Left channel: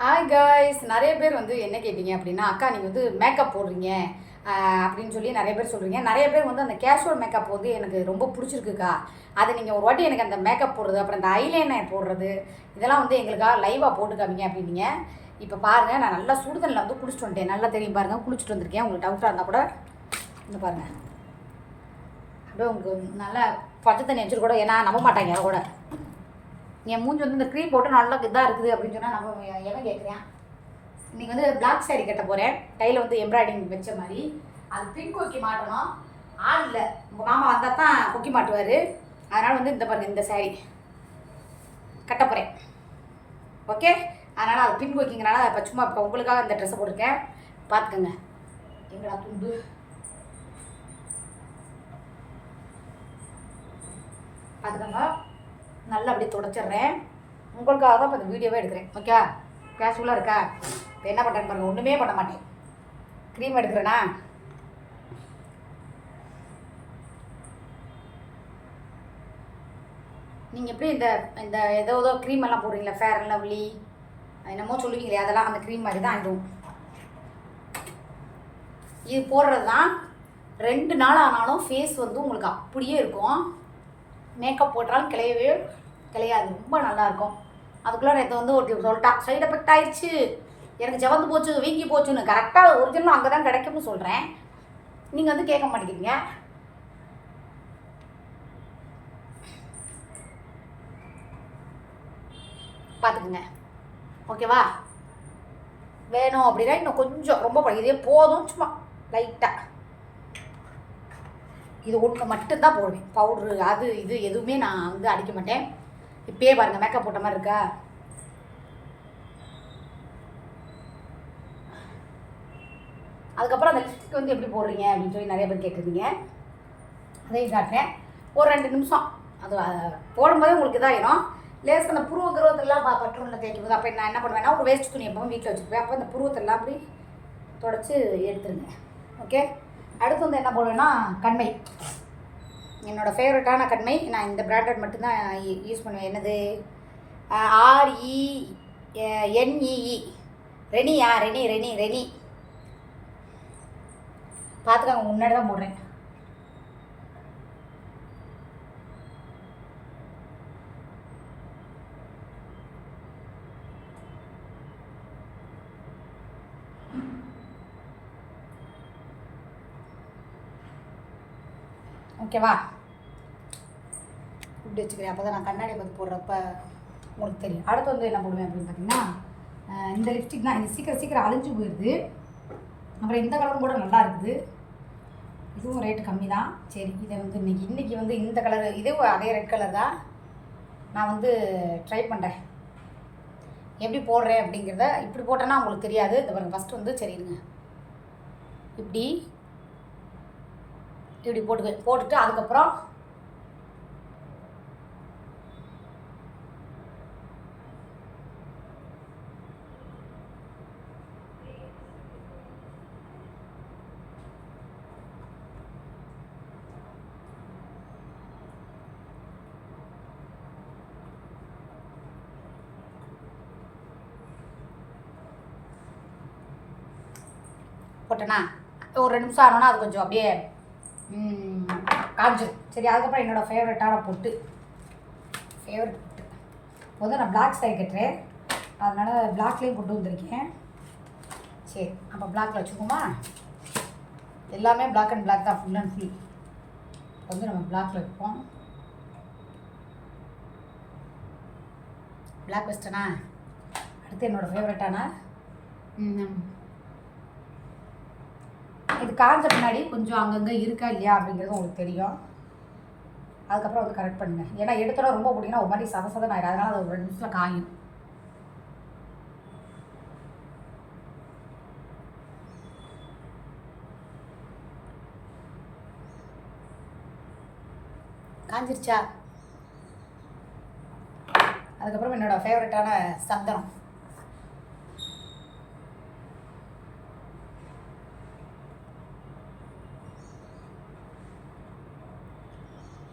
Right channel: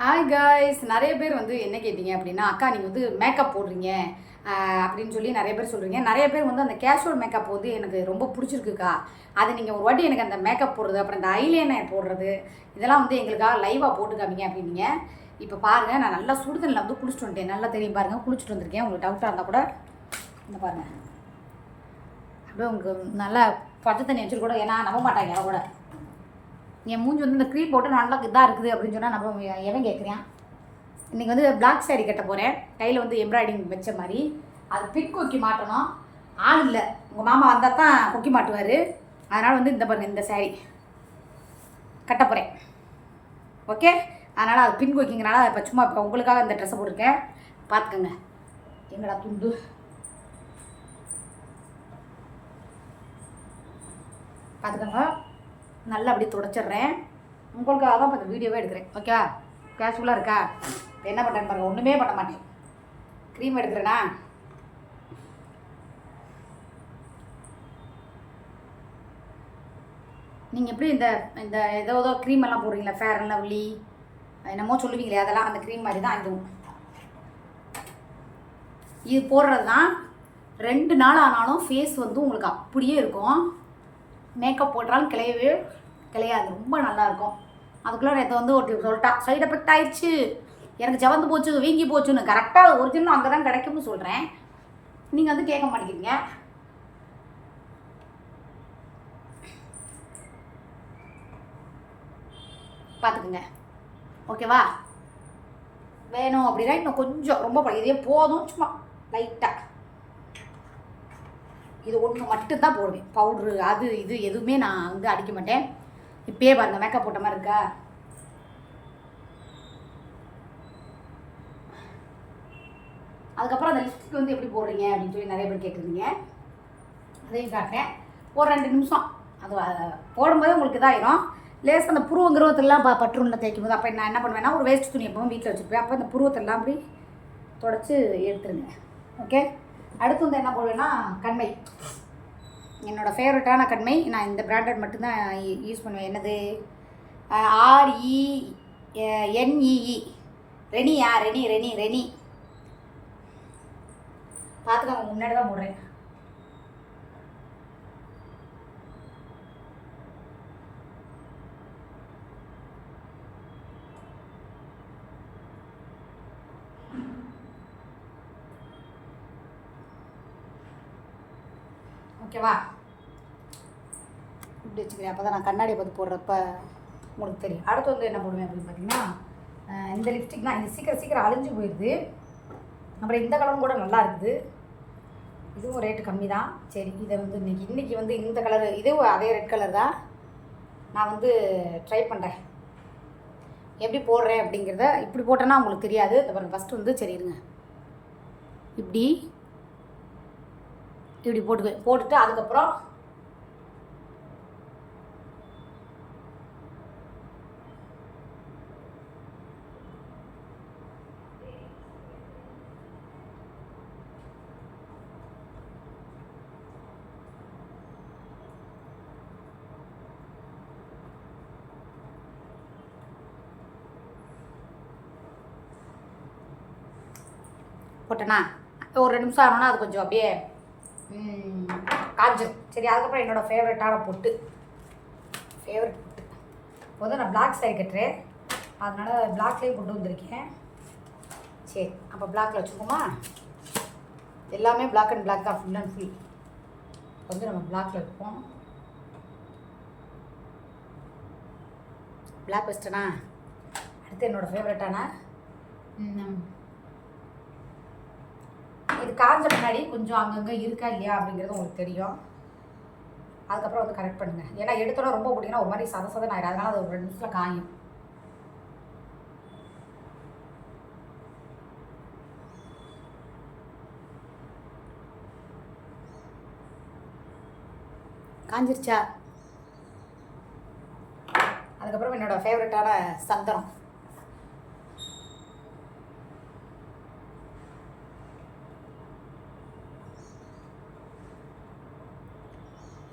Hi guys நிறைய பேர் வந்து என்ன கேட்டீங்க அப்படின்னா அக்கா நீங்கள் வந்து மேக்கப் போடுறீங்க. அப்படின்னு சொல்லி நிறைய பேர் சொல்கிறீங்க நிறைய பேர் வந்து அந்த கேஷுவல் மேக்கப் வந்து எனக்கு ரொம்ப பிடிச்சிருக்குக்கா. அதை நீங்கள் ஒரு வாட்டி எனக்கு அந்த மேக்கப் போடுறது அப்புறம் இந்த ஐலைனர் போடுறது இதெல்லாம் வந்து எங்களுக்காக லைவாக போட்டு காமிங்க அப்படின்னீங்க. இப்போ பாருங்கள் நான் நல்லா சுடுதண்ணில் வந்து குளிச்சுட்டு வந்துட்டேன். நல்லா தெரியும் பாருங்கள் குளிச்சுட்டு வந்திருக்கேன். உங்களுக்கு டவுட்டாக இருந்தால் கூட இந்த பாருங்கள் அப்படியே உங்களுக்கு நல்லா பச்சை தண்ணி வச்சுட்டு கூட ஏன்னா நம்ப மாட்டாங்க யாரும் கூட. என் மூஞ்சி வந்து இந்த க்ரீம் போட்டு நல்லா இதாக இருக்குது அப்படின்னு சொன்னால் நம்ம எவன் கேட்குறேன் இன்றைக்கி வந்து பிளாக் சாரி கட்ட போகிறேன் கையில் வந்து எம்ப்ராய்டிங் வச்ச மாதிரி. அது பின் கொக்கி மாட்டணும். ஆள் இல்லை. உங்கள் மாமா வந்தால் தான் கொக்கி மாட்டுவார். அதனால் வந்து இந்த பண்ண இந்த சாரி கட்ட போகிறேன் ஓகே அதனால் அது பின் கொக்கிங்கனால இப்போ சும்மா இப்போ உங்களுக்காக இந்த ட்ரெஸ்ஸை போட்டிருக்கேன். பார்த்துக்கோங்க எங்களா துண்டு? பார்த்துக்கோங்க நல்லா அப்படியே தொடச்சிடுறேன். உங்களுக்காக தான் இப்போ இந்த வீடியோவே எடுக்கிறேன். ஓகே கேஷுவலாக இருக்கா? இப்போ என்ன பண்ணுறேன்னு பாருங்கள் ஒன்றுமே பண்ண மாட்டேன். க்ரீம் எடுக்கிறேனா? நீங்கள் எப்படி இந்த இந்த ஏதோ ஏதோ க்ரீம் எல்லாம் போடுறீங்களா? ஃபேர் அண்ட் லவ்லி என்னமோ சொல்லுவீங்களே அதெல்லாம் அந்த க்ரீம் மாதிரி தான் இதுவும் இது போடுறது தான் ரெண்டு நாள் ஆனாலும் ஃபேஸ் வந்து உங்களுக்கு அப்படியே இருக்கும். மேக்கப் போட்டாலும் கிளையவே கிளையாது. ரொம்ப நல்லா இருக்கும் அதுக்குள்ளே நேற்று வந்து ஒரு சொல்லிட்டா. சைடு எஃபெக்ட் ஆயிடுச்சு. எனக்கு ஜவந்து போச்சு வீங்கி போச்சுன்னு. கரெக்டாக ஒரிஜினல் அங்கே தான் கிடைக்கும்னு சொல்கிறேன் நீங்கள் வந்து கேட்க மாட்டேங்கிறீங்க. பார்த்துக்குங்க ஓகேவா வேணும் அப்படின்னா இன்னும் கொஞ்சம். ரொம்ப படி இதே போதும் சும்மா. லைட்டாக இது ஒன்று மட்டும்தான் போடுவேன். பவுட்ரு அது இது எதுவுமே நான் வந்து அடிக்க மாட்டேன். இப்பயே பாருங்கள் மேக்கப் போட்ட மாதிரி இருக்கா? அதுக்கப்புறம் அந்த லிப்ஸ்டிக் வந்து எப்படி போடுறீங்க அப்படின்னு சொல்லி நிறைய பேர் கேட்டிருந்தீங்க. அதையும் காட்டினேன் ஒரு ரெண்டு நிமிஷம். அது போடும்போது உங்களுக்கு இதாகிடும் லேஸ் அந்த புருவம் கிருவத்திலாம் ப பற்றுள்ள தேய்க்கும் போது அப்போ நான் என்ன பண்ணுவேன்னா ஒரு வேஸ்ட் துணி எப்பவும் வீட்டில் வச்சுருப்பேன். அப்போ அந்த புருவத்தெல்லாம் அப்படி தொடச்சி எடுத்துருங்க. ஓகே அடுத்து வந்து என்ன போடுவேன்னா கண்மை. என்னோடய ஃபேவரட்டான கண்மை நான் இந்த பிராண்டட் மட்டும்தான் யூஸ் பண்ணுவேன். என்னது? R E N E E ரெனியா Renee Renee Renee பார்த்துக்கோங்க முன்னாடி தான் போடுறேன். ஓகேவா? இப்படி வச்சுக்கிறேன். அப்போ தான் நான் கண்ணாடி பார்த்து போடுறப்ப உங்களுக்கு தெரியும். அடுத்து வந்து என்ன போடுவேன் அப்படின்னு பார்த்தீங்கன்னா இந்த லிப்ஸ்டிக் தான் இது சீக்கிரம் சீக்கிரம் அழிஞ்சு போயிடுது. அப்புறம் இந்த கலரும் கூட நல்லா இருக்குது. இதுவும் ரேட்டு கம்மி தான் சரி இதை வந்து இன்னைக்கு இன்றைக்கி வந்து இந்த கலரு இதுவும் அதே ரெட் கலர் தான். நான் வந்து ட்ரை பண்ணுறேன் எப்படி போடுறேன் அப்படிங்கிறத இப்படி போட்டேன்னா உங்களுக்கு தெரியாது. இந்த பாருங்கள் ஃபஸ்ட்டு வந்து சரி இருங்க. இப்படி இப்படி போட்டு போட்டுட்டு அதுக்கப்புறம் போட்டேனா? ஒரு ரெண்டு நிமிஷம் ஆனோன்னா அது கொஞ்சம் அப்படியே காஞ்சிரும் சரி அதுக்கப்புறம் என்னோடய ஃபேவரட்டான பொட்டு. ஃபேவரட் பொட்டு. முதல்ல நான் பிளாக் சாரி கட்டுறேன். அதனால் பிளாக்லேயும் கொண்டு வந்திருக்கேன். சரி அப்போ பிளாக்ல வச்சுக்கோமா எல்லாமே பிளாக் அண்ட் பிளாக் தான் ஃபுல் அண்ட் ஃபுல் கொஞ்சம் நம்ம பிளாக்ல வைப்போம். பிளாக் வச்சிட்டேனா அடுத்து என்னோடய ஃபேவரட்டான இது காஞ்ச பின்னாடி கொஞ்சம் அங்கங்கே இருக்கா இல்லையா அப்படிங்கிறது உங்களுக்கு தெரியும். அதுக்கப்புறம் வந்து கரெக்ட் பண்ணுங்க. ஏன்னா எடுத்தோட ரொம்ப போட்டிங்கன்னா ஒரு மாதிரி சத சதன் ஆயிடும் அதனால அது ஒரு ரெண்டு நிமிஷத்தில் காயும். காஞ்சிருச்சா? அதுக்கப்புறம் என்னோட ஃபேவரட்டான சந்தனம்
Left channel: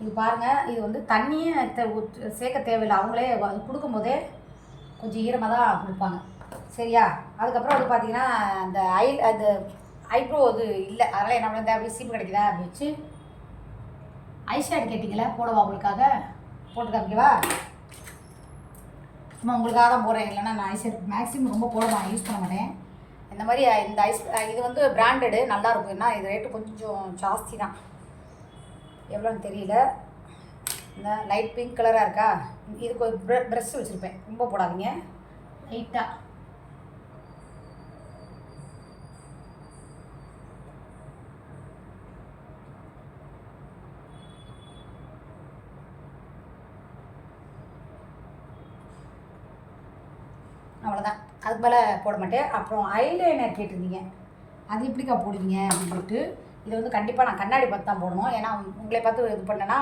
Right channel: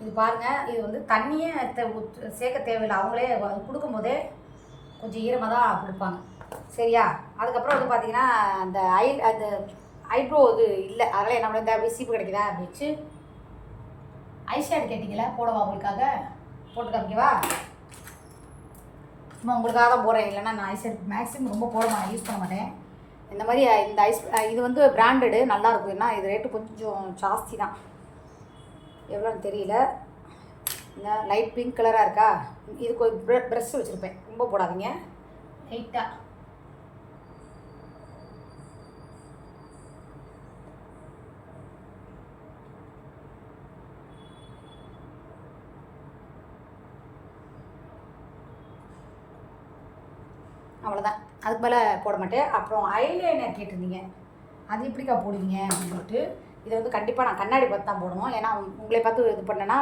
இது பாருங்கள் இது வந்து தண்ணியே சேர்க்க தேவையில்லை. அவங்களே கொடுக்கும்போதே கொஞ்சம் ஈரமாக தான் கொடுப்பாங்க. சரியா? அதுக்கப்புறம் வந்து பார்த்தீங்கன்னா அந்த ஐ அந்த ஐப்ரோ இது இல்லை. அதெல்லாம் என்ன பண்ணுறது? அப்படி சீப்பு கிடைக்குதா? அப்படி வச்சு ஐஷேட் கேட்டிங்களா போடவா உங்களுக்காக? போட்டு காமிக்கவா சும்மா உங்களுக்காக தான் போகிறேன் இல்லைன்னா நான் ஐஷேட் மேக்ஸிமம் ரொம்ப போட யூஸ் பண்ண மாட்டேன். இந்த மாதிரி இந்த ஐஸ் இது வந்து பிராண்டடு நல்லா இருக்கும். ஏன்னா இது ரேட்டு கொஞ்சம் ஜாஸ்தி தான். எவ்வளோன்னு தெரியல. லைட் பிங்க் கலராக இருக்கா? ஒரு ப்ர ப்ரெஷ் வச்சுருப்பேன். ரொம்ப போடாதீங்க. லைட்டாக அவ்வளோதான். அதுக்கு மேலே போட மாட்டேன். அப்புறம் ஐலைனர் கேட்டிருந்தீங்க. அது எப்படிக்கா போடுவீங்க? அப்படின்னு சொல்லிட்டு இதை வந்து கண்டிப்பாக நான் கண்ணாடி பார்த்து தான் போடணும். ஏன்னா உங்களை பார்த்து இது பண்ணேன்னா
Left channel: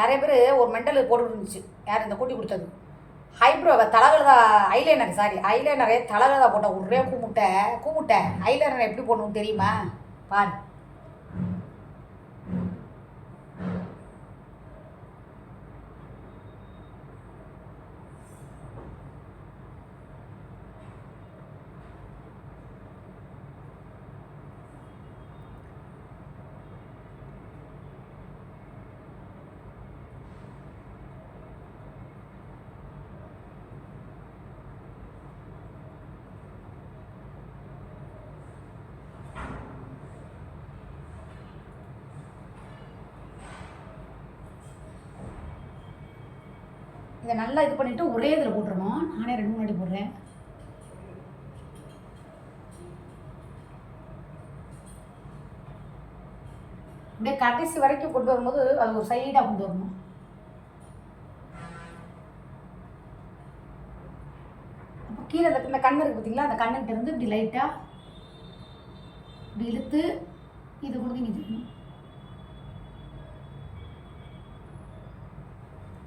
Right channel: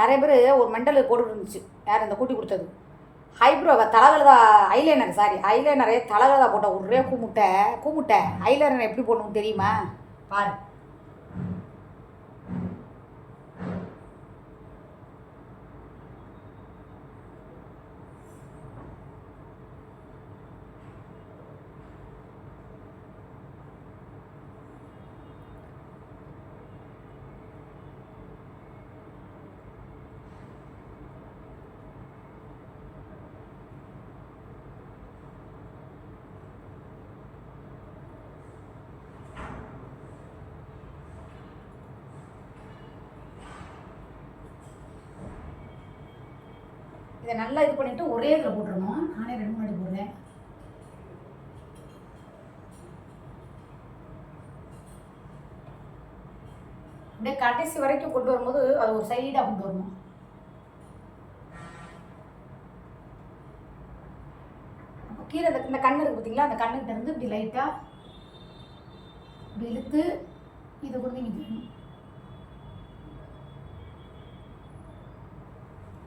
நிறைய பேர் ஒரு மெண்டல் போட்டு இருந்துச்சு. யார் இந்த கூட்டி கொடுத்தது? ஹைப்ரோ தலகலதா ஐலைனர் சாரி ஐலைனரே தலகலதா போட்ட ஒரே கூமுட்டை. கூமுட்டை ஐலைனர் எப்படி போடணும்னு தெரியுமா? பாரு. இதை நல்லா இது பண்ணிவிட்டு ஒரே இதில் போட்டுருணும் நானே ரெண்டு மூணு அடி போடுறேன். அப்படியே கடைசி வரைக்கும் கொண்டு வரும்போது அது ஒரு சைடாக கொண்டு வரணும். அப்போ கீழே அந்த இந்த கண் இருக்குது பார்த்தீங்களா அந்த கண்ணுகிட்ட இருந்து இப்படி லைட்டாக இப்படி இழுத்து இது கொண்டு நிற்கணும்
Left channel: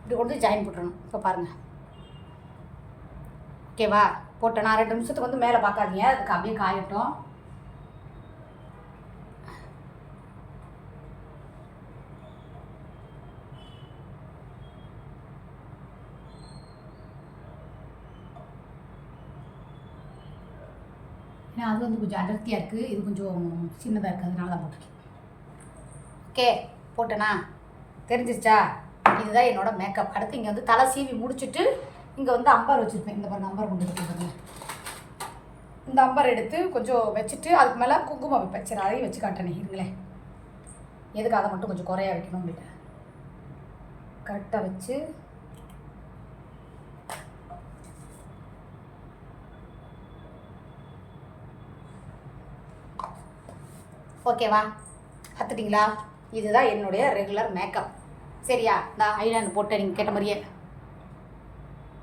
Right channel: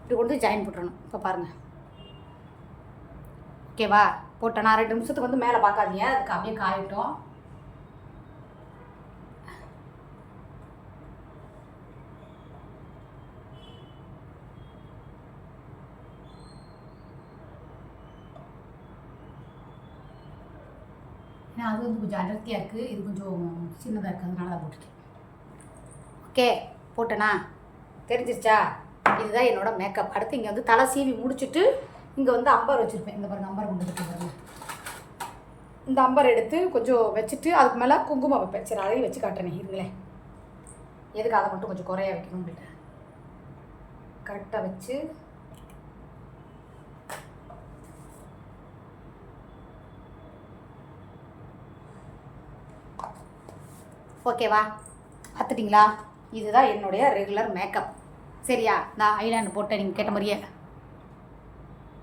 இப்படி கொண்டு ஜாயின் போட்டுறணும். இப்போ பாருங்கள் ஓகேவா போட்டேன் நான் ரெண்டு நிமிஷத்துக்கு வந்து மேலே பார்க்காதீங்க. அதுக்கு அப்படியே காயட்டும். ஏன்னா அது வந்து கொஞ்சம் அடர்த்தியாக இருக்குது இது கொஞ்சம் சின்னதாக இருக்குது அதனால தான் போட்டிருக்கேன். ஓகே போட்டேனா? தெரிஞ்சிருச்சா? இதுதான் என்னோட மேக்கப் அடுத்து இங்கே வந்து தலை சீவி முடிச்சுட்டு இங்கே வந்து அம்பர் வச்சுருப்பேன். இந்த பாருங்க அம்பர் கொண்டு வந்து இந்த அம்பர் எடுத்து கொஞ்சம் வச்சுட்டு அதுக்கு மேலே குங்குமம் வைப்பேன். சரி அதையும் வச்சு காட்டுறேன் இருங்களேன். எதுக்கு அதை மட்டும் கொஞ்சம் குறையா வைக்கணும் உங்கள்கிட்ட கரெக்டாக வச்சு. ஓகேவா பார்த்துட்டிங்களா? இதுதான் என்னுடைய ரெகுலர் மேக்கப் சரியா? நான் ஐலாண்டு போட்டேன் நீங்கள் கேட்ட மாதிரியே.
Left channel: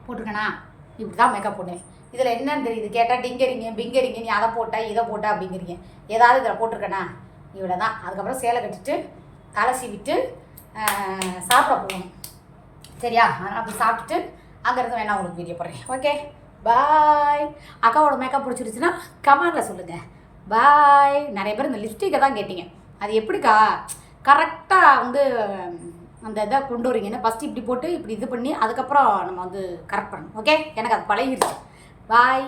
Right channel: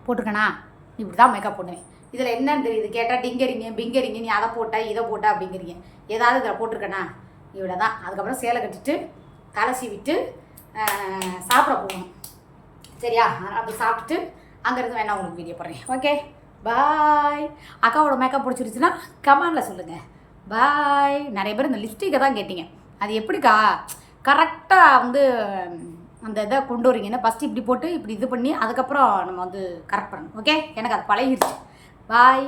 போட்டிருக்கேனா? இப்படி தான் மேக்கப் பண்ணுவேன் இதில் என்னன்னு தெரியுது. கேட்டால் டிங்கரிங்க பிங்கரிங்க நீ அதை போட்ட இதை போட்ட அப்படிங்கிறீங்க. ஏதாவது இதில் போட்டிருக்கேனா? இவ்வளோ தான் அதுக்கப்புறம் சேலை கட்டிட்டு கலசி விட்டு சாப்பிட போகணும். சரியா? அப்படி சாப்பிட்டுட்டு அங்கேருந்து வேணா உங்களுக்கு வீடியோ போடுறேன். ஓகே பாய் அக்காவோட மேக்கப் பிடிச்சிருச்சுன்னா கமெண்டில் சொல்லுங்கள் பாய் நிறைய பேர் இந்த லிப்ஸ்டிக்கை தான் கேட்டீங்க. அது எப்படிக்கா? கரெக்டாக வந்து அந்த இதை கொண்டு வரீங்கன்னா ஃபஸ்ட்டு இப்படி போட்டு இப்படி இது பண்ணி அதுக்கப்புறம் நம்ம வந்து கரெக்ட் பண்ணணும். ஓகே எனக்கு அது பழகிருச்சு. பாய்